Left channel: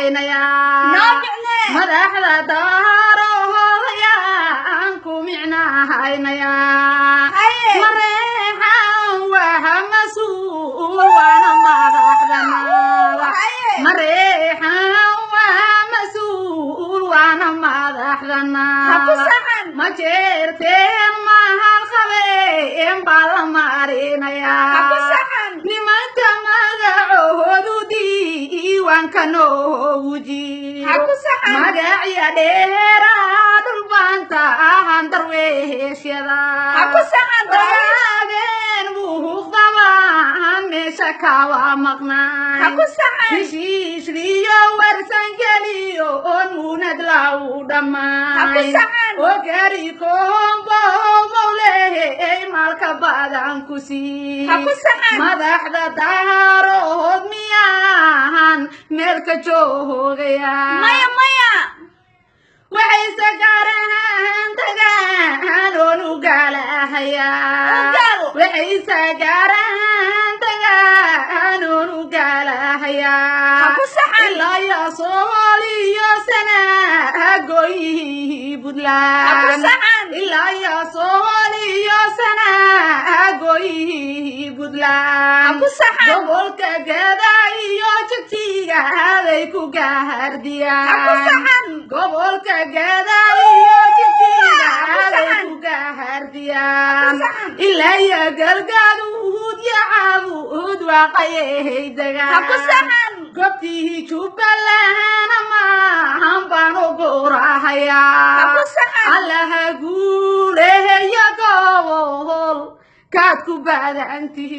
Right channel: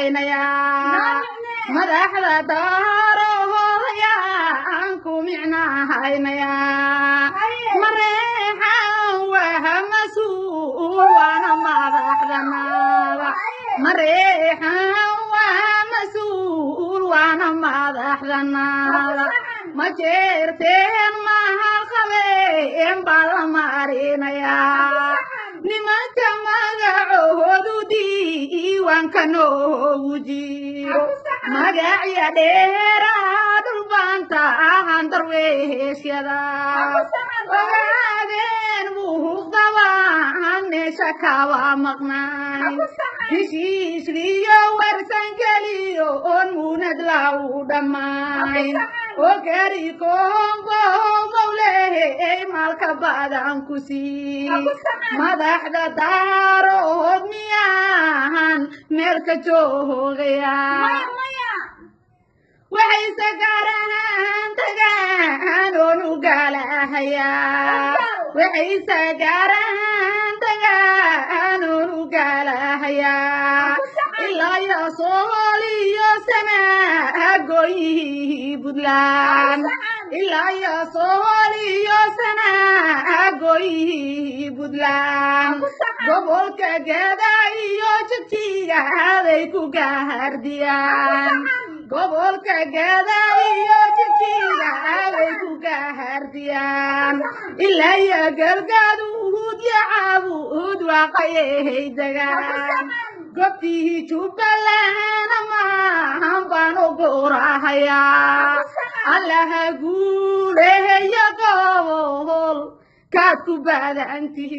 haynaya madaxda daaroodaya aan ku micnaa haynaya mareexan waxa mas-uul waana madaxdanaada mareexan waxa mas-uul waana madaxdanaada ma jeerteen mahal qabeen baa la marinaya nimanta magacoodu diiwaanka noogu jiro magacya dheeraa dhulbaanta ahan darweeshyada ogaadeen muuqdabaan meesha kawa maqnay heshiisliyo warsangeliyo oon muunad lagu dhammaay oo gari koombo mawleey maalka badan ku sii madaxda daarood miyaan meelka joogaya waxay sagaaraan tagaan oon u gaalahayaa waxay sagaaraan tagaan oon u gaalahayaa ilaa iyo Soomaaliya sanaagoyi Puntland ilaa iyo Soomaaliya sanaagoyi Puntland gobolka Gada iyo Jigjiga bay ku gaardiyaan gobolka Gada iyo Jigjiga bay ku gaardiyaan ilaa iyo Galgaduud iyo Caabud waaqayay degaan gobtii Jubbaland maahan baan ugorahayaa allaha guuleeya gobol kaad ku badantihiin